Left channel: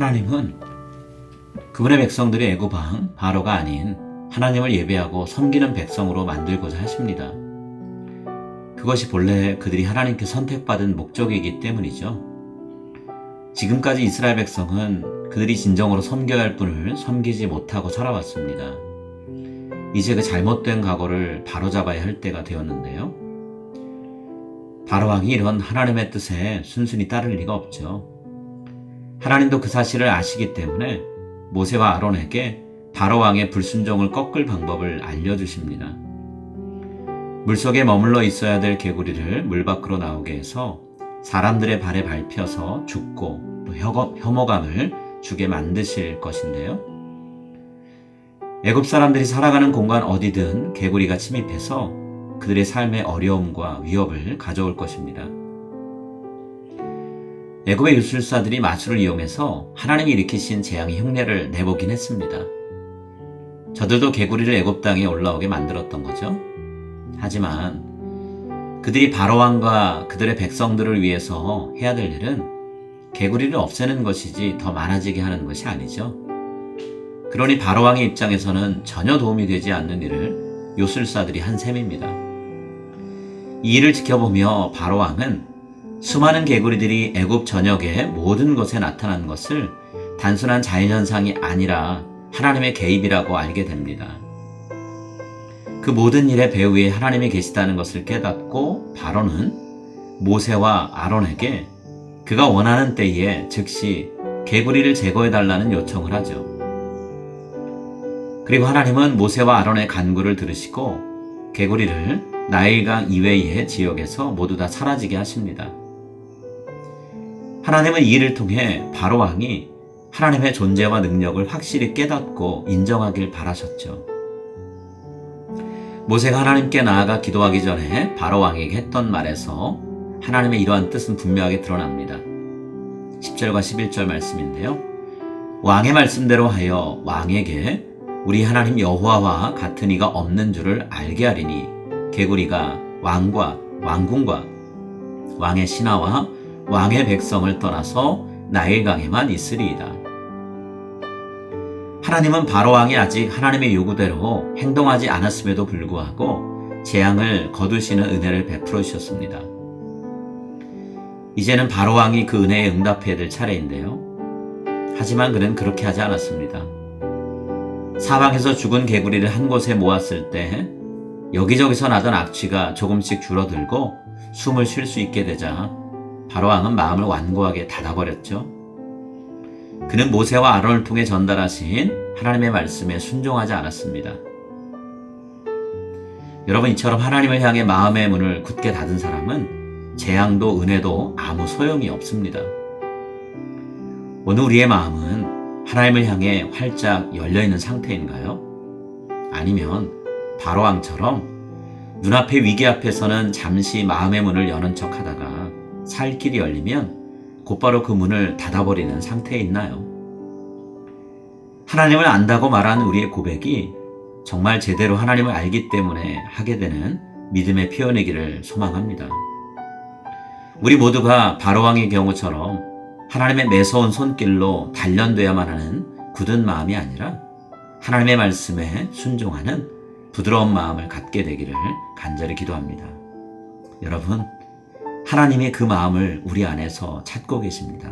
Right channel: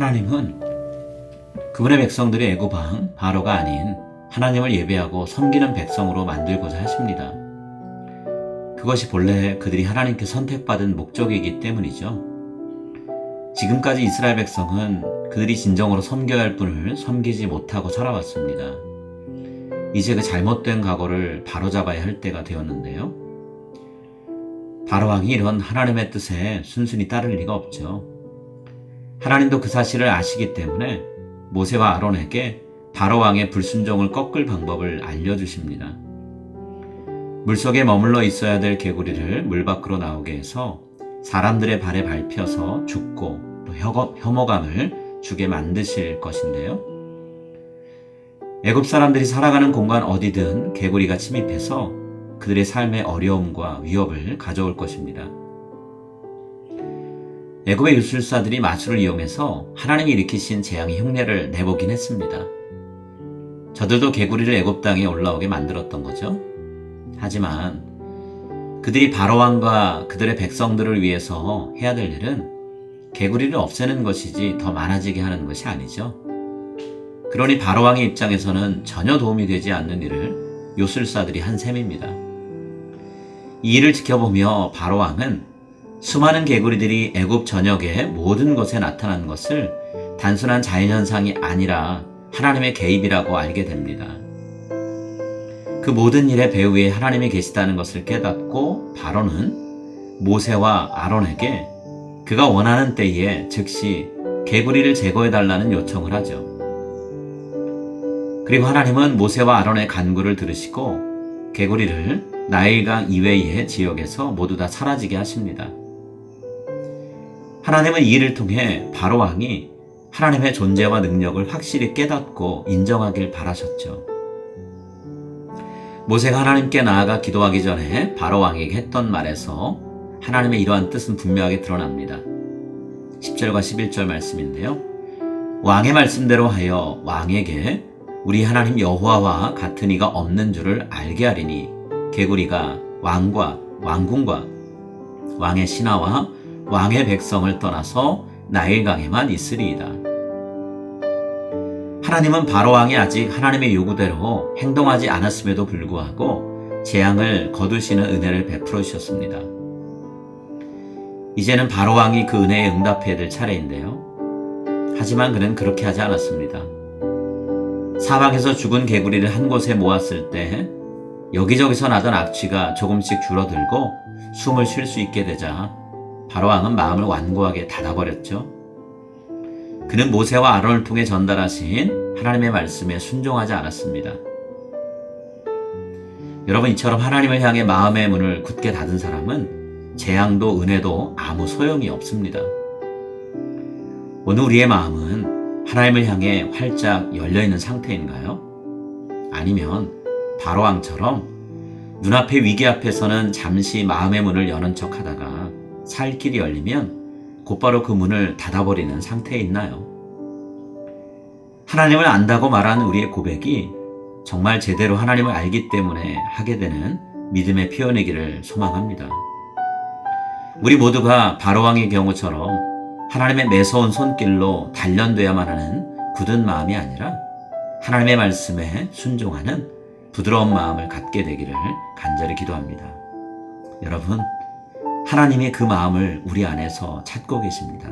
하나님은 그분의 백성들이 애굽 왕 바로가 아닌 하나님을 예배하고 섬기는 백성으로 만들고자 하십니다. 그것이 본래 그들이 하나님께 선택받은 목적이기 때문이죠. 지금까지 이스라엘 백성은 그들이 진정으로 섬겨야 할 분을 섬기지 못하고 살아왔습니다. 이제 그 잘못된 각오를 바로잡아야 할 때가 되었는데요. 바로왕이 이런 하나님의 뜻에 순순히 따를 리가 없죠. 하나님도 그 사실을 아시기 때문에 모세와 아론에게 바로왕의 불순종을 꺾을 방법을 알려주십니다. 물속에 머물러 있어야 될 개구리를 물 밖으로 나오게 해서 사람들의 발에 밟혀서 죽고 또 혐오감을 주게 만드실 것인데요. 애굽 사람들이 살아가는 공간 어디든 개구리가 침입해서 그들의 삶에 어려움과 위협을 가져올 것입니다. 애굽의 유술사들이 마술을 이용해서 하나님이 일으키신 재앙의 흉내를 내보긴 했습니다. 저들도 개구리를 애굽 땅에 올라오게 만들었던 거죠. 하지만 그들이 바로왕과 그들의 백성들을 위해서 해야 될 일은 개구리를 없애는 것이지 더 많아지게 하는 것이 아니죠. 그러니 바로왕의 입장에서는 전혀 도움이 되지 않는 일을 요술사들이 한 셈입니다. 이 일을 지켜보며 바로왕은 수많은 개구리들이 애굽 전역의 모든 곳에 나타난 것을 단순한 자연현상이 아니라 하나님의 개입이라고 알게 됩니다. 그 모든 일의 배후에 하나님이 계시다는 것을 깨닫고 바로는 모세와 아론에게 그가 원하는 때에 즉시 개구리를 제거해달라는 요청을 하죠. 그리고 하나님은 모세와 아론의 간구를 들으시고 개구리를 나일강 이외의 지역에서 모두 다 사라지게 하십니다. 하나님은 이 일을 통해 바로왕이 하나님의 존재와 능력을 확실히 깨닫고 인정하길 바라셨죠. 모세가 하나님께 나아가 기도하기 전에 바로왕에게 했던 말에서 하나님의 이러한 뜻은 분명하게 드러납니다. 10절과 11절 말씀인데요. 왕의 말씀대로 하여 왕에게 우리 하나님 여호와와 같은 이가 없는 줄을 알게 하리니 개구리가 왕과 왕궁과 왕의 신하와 왕의 백성을 떠나서 나일강에만 있으리이다. 하나님은 바로왕이 아직 하나님의 요구대로 행동하지 않았음에도 불구하고 재앙을 거두시는 은혜를 베풀어 주셨습니다. 이제는 바로왕이 그 은혜에 응답해야 될 차례인데요. 하지만 그는 그렇게 하지 않았습니다. 사방에서 죽은 개구리를 한 곳에 모았을 때 여기저기서 나던 악취가 조금씩 줄어들고 숨을 쉴 수 있게 되자 바로왕은 마음을 완고하게 닫아버렸죠. 그는 모세와 아론을 통해 전달하신 하나님의 말씀에 순종하지 않았습니다. 여러분, 이처럼 하나님을 향해 마음의 문을 굳게 닫은 사람은 재앙도 은혜도 아무 소용이 없습니다. 오늘 우리의 마음은 하나님을 향해 활짝 열려있는 상태인가요? 아니면 바로왕처럼 눈앞의 위기 앞에서는 잠시 마음의 문을 여는 척 하다가 살 길이 열리면 곧바로 그 문을 닫아버리는 상태에 있나요? 하나님을 안다고 말하는 우리의 고백이 정말 제대로 하나님을 알기 때문에 하게 되는 믿음의 표현이기를 소망합니다. 우리 모두가 바로왕의 경우처럼 하나님의 매서운 손길로 단련되어야만 하는 굳은 마음이 아니라 하나님의 말씀에 순종하는 부드러운 마음을 갖게 되기를 간절히 기도합니다. 여러분, 하나님이 그 마음을 우리 안에서 찾고 계십니다.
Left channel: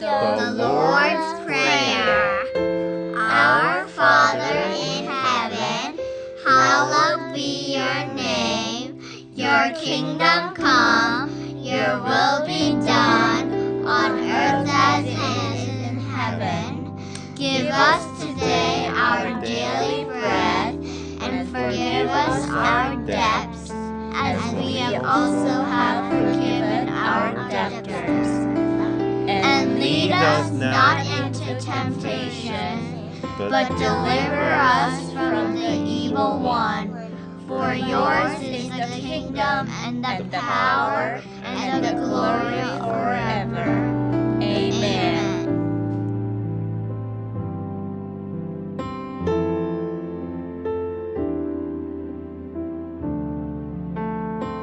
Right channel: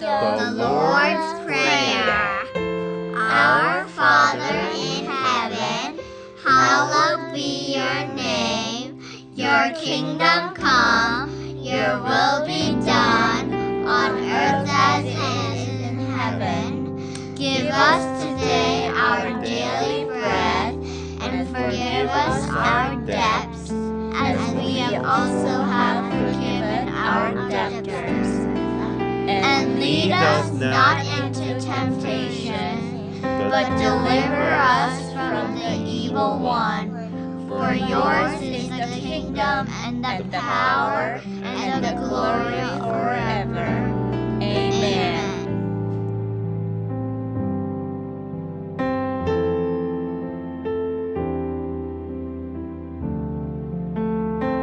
The Lord's Prayer. Our Father in heaven, hallowed be your name. Your kingdom come, your will be done, on earth as it is in heaven. Give us today our daily bread, and forgive us our debts, as we also have forgiven our debtors. And lead us not into temptation, but deliver us from the evil one. For yours is the kingdom and the power and the glory forever.